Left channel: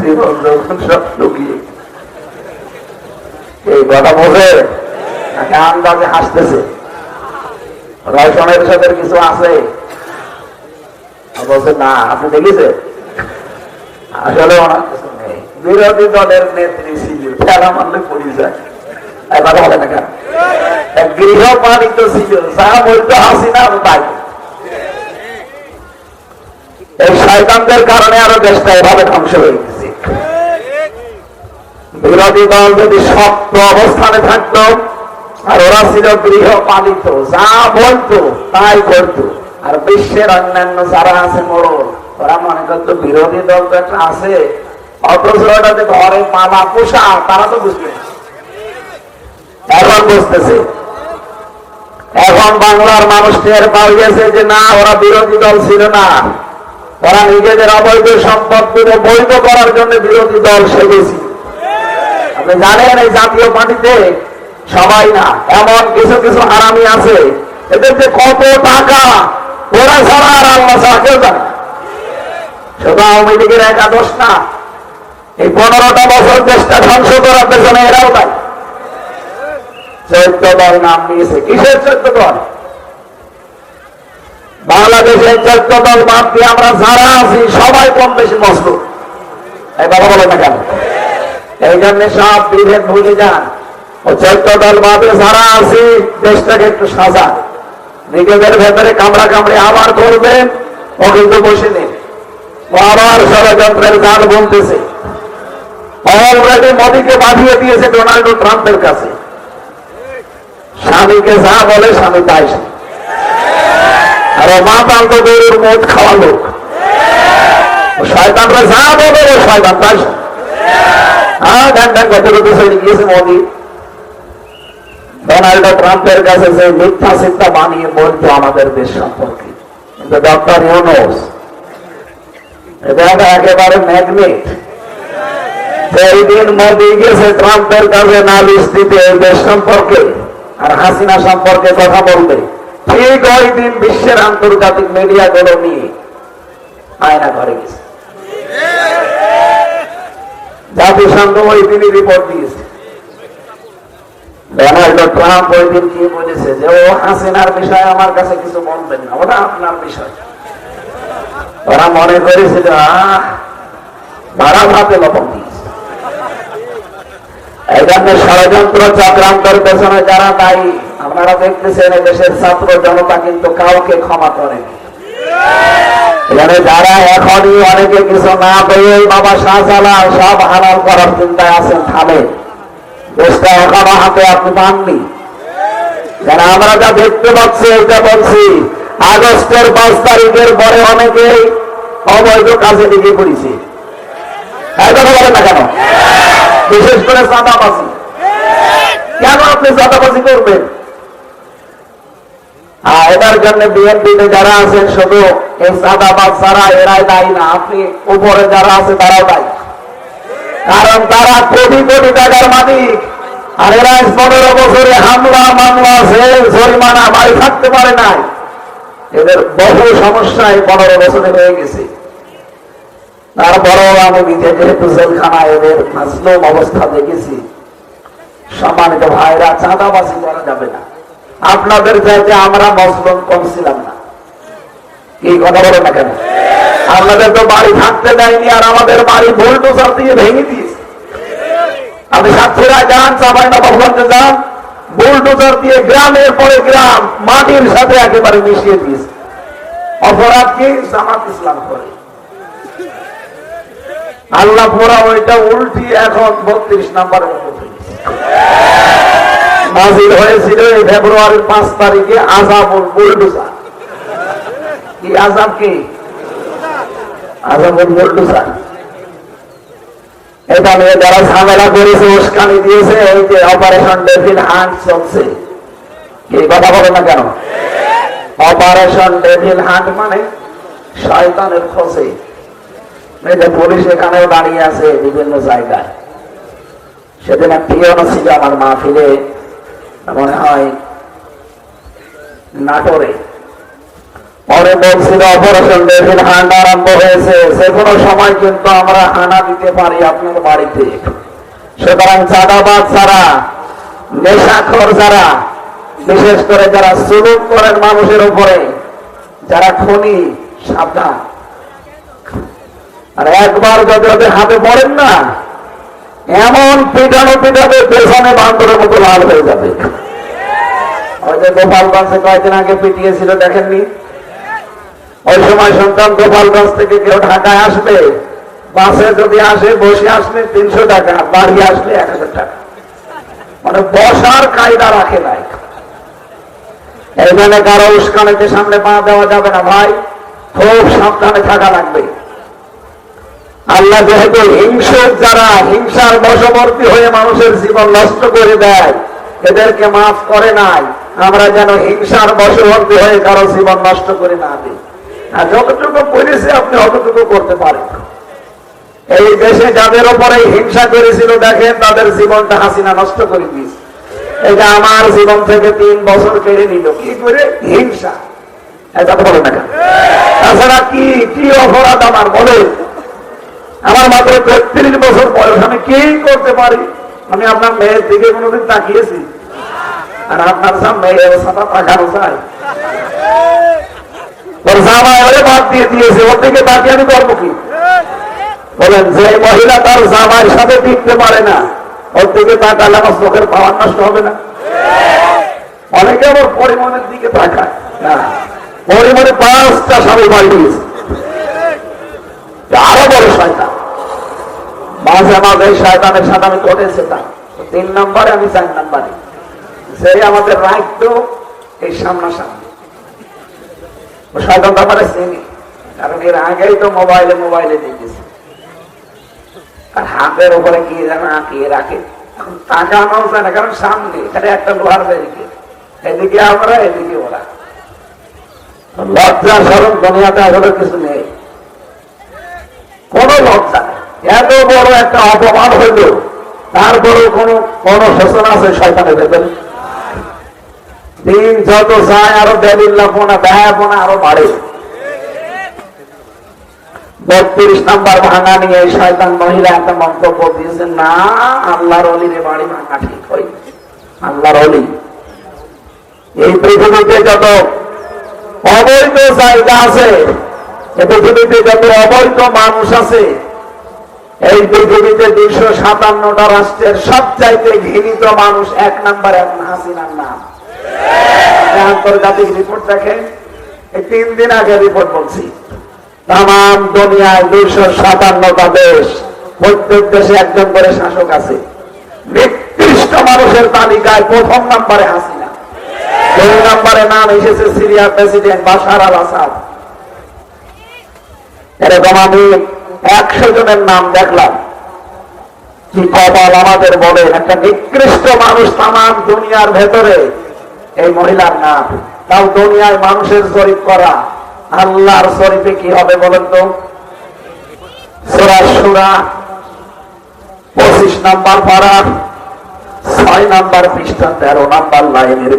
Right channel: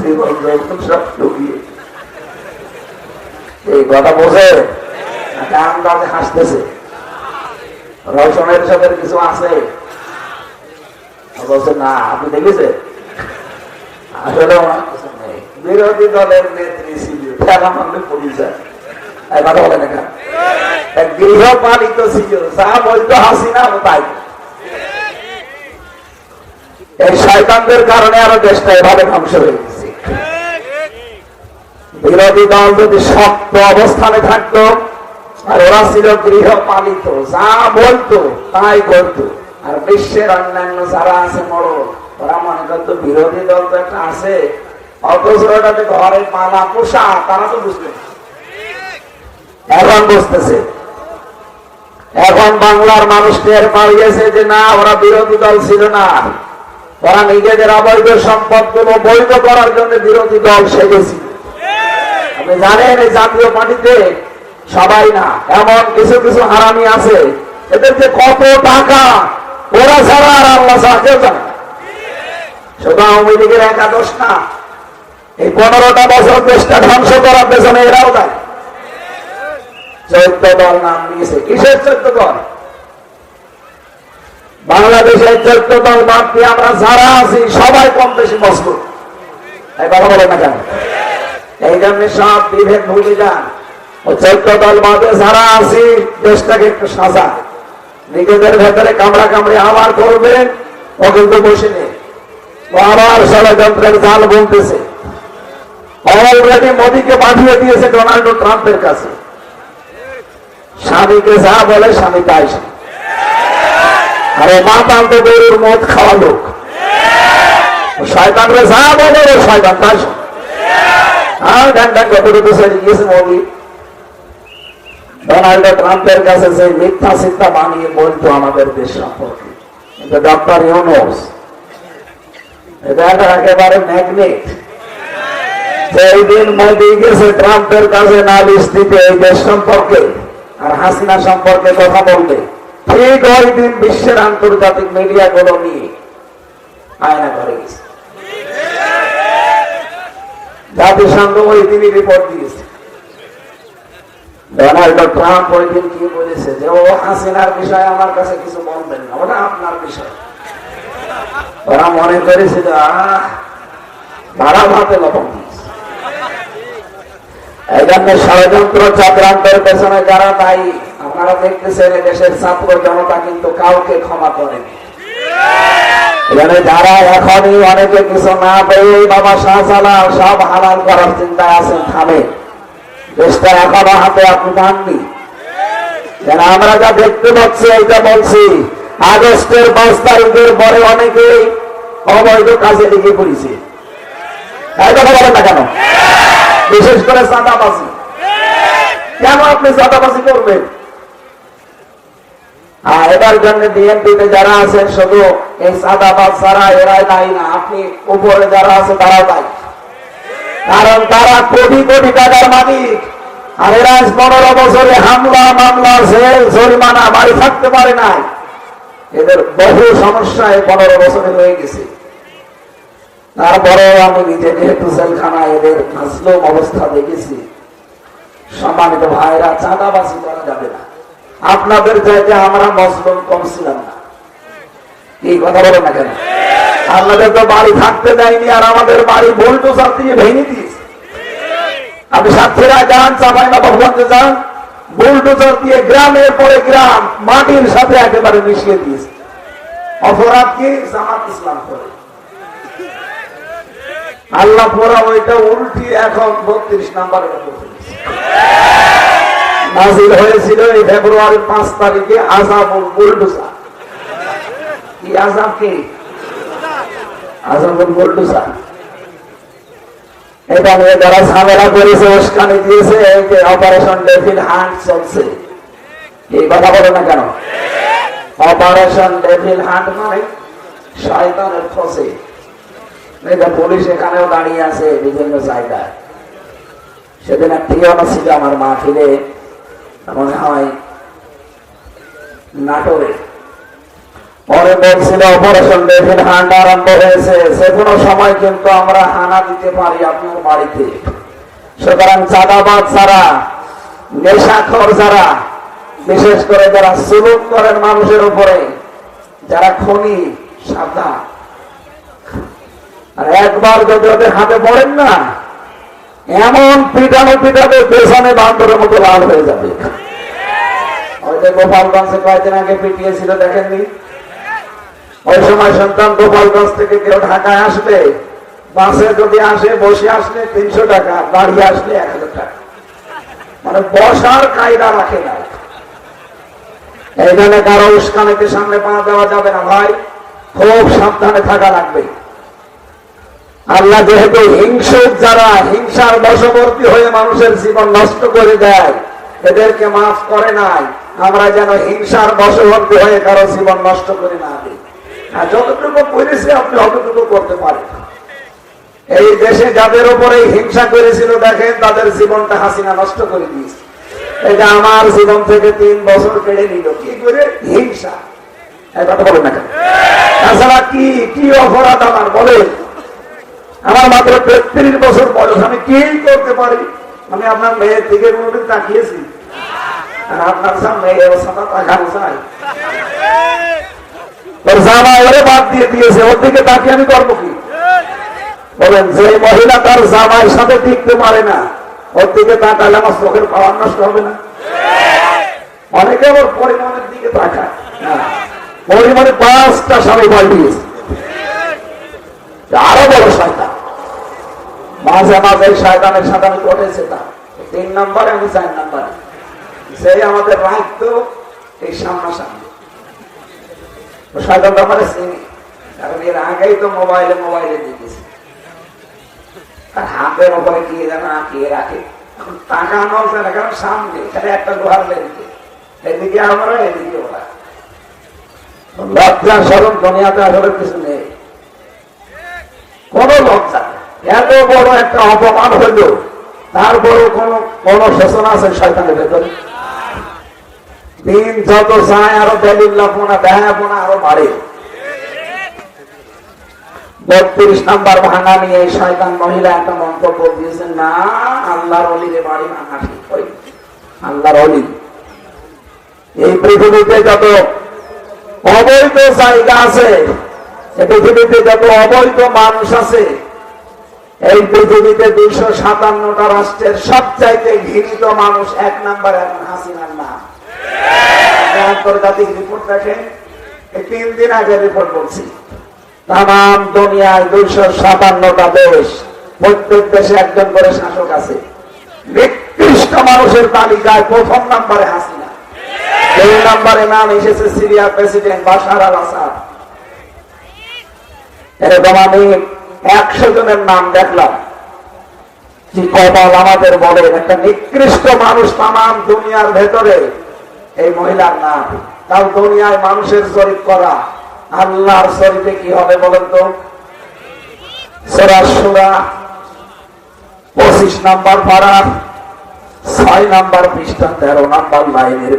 জীবন যখন সব লুকিয়ে এই কথা বোঝে আন্দাজে হাসতেছে। রওশনের সাথে কিছু আছে বলছে না, আপনি দেখেছেন আসলে ওনার কিছু নেই। বিরোধী দলের নেত্রী ছিল, ফেরা মারলে পড়ে যায়। কথা বলে না কেন? গৃহপালিত ছিল, যা বলতো হাসিনা তাই। এই শয়তানদের কারণে আরো দেশটা এভাবে ধ্বংস হয়ে গেছে। বিরোধী দল যদি শক্ত অবস্থানে থাকতো, আর ওরা ছিল গৃহপালিত, যা বলতো তাই করতো। আর বিশ্বের অন্যান্য যারা আছে মরল, ওরা মনে করতো বিরোধী দল তো একটা আছে, অথচ ওটাতে ঘরে পালা পোষা, তারা তো বুঝবে। এখন বুঝতেছে, এখন বাংলার মানুষ টের পাইয়েছে যে না, ওরা বিরোধী দল ছিল না, ওরা নিজেদের অবৈধ সম্পদগুলো বৈধ করার জন্য বিরোধী দল সেজেছিল। আপনি জানেন এই জাতীয় পার্টিতে সবাই না, এমন কিছু কিছু হারামি আছে, এদের যে কত টাকা ওরা ছাড়া আর আল্লাহ ছাড়া কেউ জানে। শুধু আওয়ামী লীগের একাদশ না, এই 15টা বছর দেশটা ধ্বংস করার পেছনে এরাও তাই। 14 দল নাম নিয়েছে, কিসের 14 দল? বাংলাদেশের 14 দল বাদ দিয়ে আমরা যারা আছি সবাই কম বেশি মজলুম। এই কথা বলে না কেন? এই জন্য সব বিভেদ ভুলে যান। ও 14 দল বাদে যারা আছি দেশটাকে একটু সাজান, নিজেদের ভেতরে কামড়া কামড়ে আবার করবেন। ও কিন্তু বসে নেই, ও আবার ষড়যন্ত্রের জাল বলতেছে। অলরেডি মোদীকে পাঠিয়ে দিয়েছে ডোনাল্ড ট্রাম্পের কাছে। স্বামীকে যা বলে স্বামী তাই। আর মাতাল তো গরুর মদ খাওয়া লোক, শয়তানরা যা বলে শয়তান তাই। হ্যাঁ, ধ্যান ধ্যান কত কিছু গিয়েছে মোদী ডোনাল্ড ট্রাম্পের কাছে, যে মিথ্যা চিন্তা বানিয়ে বলতো আমাদের দেশ সম্পর্কে। কিন্তু ডক্টর ইউনূস এটা একেবারে ম্যাগনেট। যেই দিন মোদী গেছে ট্রাম্পের কাছে নালিশ দিতে এই দেশ সম্পর্কে আর হাসিনা সম্পর্কে কথা বলতে, ঠিক ওই দিন বিশ্বের আন্তর্জাতিক মিডিয়া গুলো নিয়ে আয়না করে গেছে। জাতিসংঘ ওই দিনই রিপোর্ট দিয়েছে। ডোনাল্ড ট্রাম্প ওই দিন কি বলেছে যে ও হাসিনার বিষয়ে আমার কাছে কিছু বলবেন না, ওটা আপনার বিষয়। ওরা মনে করেছে যে ভাড়া ভাতে লবণ দিয়েছে। এই জন্য ষড়যন্ত্র চক্রান্তের পেছনে যারা দায়ী, আপনারা দেখতেছেন দেশের ছাত্র জনতা কিন্তু কাউকে ক্ষমা করেনি। এখানে যারা এখনই অনেকে কিছু না পেয়ে বাবা শাহজালাল সব হালাল করার চিন্তায় আছেন, থামে। দেশটা এখনো হাতে আপনি পাননি। কেন আমরা যা দেখতে পাচ্ছি এটা বলছি, আগস্টের 5 তারিখের পরে অনেকেই অবৈধ কাজে লিখে পড়েছে। এই কথা বলেন না কেন? বিশেষ করে চাঁদাবাজি। কেন আপনি চাঁদাবাজি করবেন? এটার জন্য বিএনপিতে যারা আছেন শুধু এই চাঁদাবাজ ছাড়া এরাই দায়ী না, আপনি উপরে যারা আছে তারাও দায়ী। কারণ তারা কোটি কোটি টাকার মালিক, আর এরা 15 বছরে হামলা মামলা জেল জরিমানা বাড়ি থাকতে পারে না। এদের বহু সমস্যায় 15 বছরে হয়ে গেছে। তারপরেও আমি নিজে যেহেতু জেলখানায় এদের মাসলুম অবস্থা দেখেছি। সম্মানিত ভাইরা, চাঁদাবাজি করা যাবে না। আপনাদের চাইতে আমরা মজলুম কম ছিলাম না। কি কথা বলো না কেন? আপনাদের তো বাড়ি থাকতে দেয়নি, আর আমাদের বাড়ি বুলডোজার দিয়ে ভেঙে দিয়েছে। আপনি সাতক্ষীরা যান, চাঁপাইনবাবগঞ্জে যান, বুলডোজার দিয়ে গ্রামের পরে গ্রাম মাটির সাথে একেবারে মিশিয়ে দিয়েছে। অপরাধ কি? জামাত ইসলাম করে। আল্লাহ পোড়া ওইটা উল্টি এখন 32 নম্বরে নাজিল হয়েছিল ফেব্রুয়ারির 5 তারিখে। আযাবুল বুলডোজার। কি আযাব? কি আযাবুল বুলডোজার? এটা নিয়ে যারা ঝামেলা করেছে, উস্কানি দিয়েছে, এই যে অপারেশন ডেভিল হান্ট চলছে। কি কথা বলে না কেন? অপারেশন ডেভিল হান্ট মানে শয়তানের খোঁজে। পুলিশ এখানেও দাঁড়িয়ে আছে বিভিন্ন জায়গায়। সেদিন এক পিয়ন ছিল আমার মাহফিলে, মনে হয় নাটোরে। পরে বলছিল অপারেশন ডেভিল হান্ট আরম্ভ হয়েছে, যে কোনো সময় কিন্তু আমরা হানা দিতে পারি আপনার বাড়িতে। সুতরাং চাঁদাবাজ যারা, নেশাখোর যারা, বিশেষ করে যারা জুলুম করেন মানুষের উপরে, যারা খুনি, সাবধান। আর একবার যদি ওদের হাতে পড়েন না, এমন পিটানো পিটাবে পেছনে বান্দরের মতো লাল হয়ে যাবে। ওই যে গোপালগঞ্জে কয়েকদিন আগে পিটিয়েছিল, দেখেননি? ওই সময় শুনতাম গোপালগঞ্জ থেকে কেউ ঢাকায় আসলে, বাসে যদি আসে, বসে আসলে 300 টাকা, বাড়ি আসলে 1000 টাকা। মানে বসার কায়দা রাখে নাই। এইখানে কারো উস্কানিতে সামনে পা দেওয়া যাবে না ভাই, খুব সাবধানে থাকা লাগবে। আল্লাহ যেহেতু হিংসুক, যারা হিংসার বশবর্তী হয়ে মানুষের জীবন নষ্ট করে দেয়, এদেরকে মাফ করে নাই। আমরা যেন হিংসার বশবর্তী হয়ে কারো জীবন নষ্ট করে না দিই। আর যতটুকু করেছে আপনি অতটুকু করতে পারেন। এই দেশে যাদের উপরে হিংসা করেছিল, দেখেন তাদের জীবনটা হাসিনা নষ্ট করে দিয়েছে। এটা আমার জীবন থেকে 3 বছর কেড়ে নিল, কি করে? হিংসা। এটা বলে না, তাছাড়া কি কি অপরাধ আমার বলে? আমার মাত্র 33 বছর বয়স, আমি কি করতে পারি? আমি আপনার মেয়ের দিকে কোনোদিন তাকিয়েছি? আর আপনার সামনে তাকানো চাই? তোর জামা ওরে বাদ দিয়ে দিয়েছে, ওর দিকে তাকিয়ে আমি করবো কি? বলেন, যে মহিলা তার জামাইয়ের সাথে টিকতে পারে না, ওর দিকে তাকালে আমার চোখের পাওয়ার নষ্ট হবে না? অনেকে আবার পরিমাণের দিকে তাকায় না, পরিমাণে 5টা স্বামী বাড়ি দিয়েছে, আরো বড় শয়তান। মাঝে মাঝে শয়তানের সাথে আমি চলেছে, তা 3 নম্বরে, আমি 4 নম্বরে। সেই আমাদের রাখত এই সামনাসামনি, শয়তানটা আমার চিনি, কারণ এর আগেই তো মোবাইলে দিয়েছে। আর হাতের উপরে কি যেন আঁকিয়ে রাখে, এখন তাকানো যায় না, কারণ সামনে এখানে একটা লোহার ব্যারিকেড, এদিকে আমরা, এদিকে ওরা। লজ্জা শরম দুনিয়াতে আসলে কিছু নেই, কোন লজ্জা নেই। এত বড় একটা অপমান হইল, তারপরে কোন শোষণ আছে শয়তানে দেবেন? দিন যত যায় আরো বেলিল্লাপনা, ব্যয়াপনা আরো বাড়ে। 32 নাম্বার ভাঙা নিয়ে এই শয়তান মহিলা একটা মন্তব্য দিয়েছেন, না আল্লাহর ওলির বাড়ি ভাঙা ঠিক হয়। আল্লাহর ওলি, এই পৃথিবীতে যত অবৈধ জায়গা আছে, এই পৃথিবীতে যত অবৈধ মানুষ আছে, এই পৃথিবীতে 257টা রাষ্ট্রের সবচাইতে ঘৃণিত মানুষ 1 নম্বরে এখন হাসিনার নাম। আন্তর্জাতিক রিপোর্ট দেখেন, এই 3 দিন আগে রিপোর্ট বলছি, তাম দুনিয়ায় 257টা দেশ, প্রত্যেক দেশে একজন করে শাসক আছে। নিকৃষ্ট মানুষের তালিকায় 1ম নম্বরে হাসিনা, 2 নম্বরে নাম এসেছে সিরিয়ার প্রেসিডেন্ট বাশার আল আসাদ। এরকম আমি 100 জনের নাম দেখলাম। কি কপাল আমাদের, বলেন, একটা নিকৃষ্ট মানুষ তাম দুনিয়ার ভেতরে, এই মহিলার নাম। তাও দুনিয়ায় মানুষের জরিপ করা, আল্লাহর জরিপে কি হবে বলেন তো? সূরা শূরা 25 নম্বর পারা 6 নম্বর পৃষ্ঠা 13 নম্বর লাইনের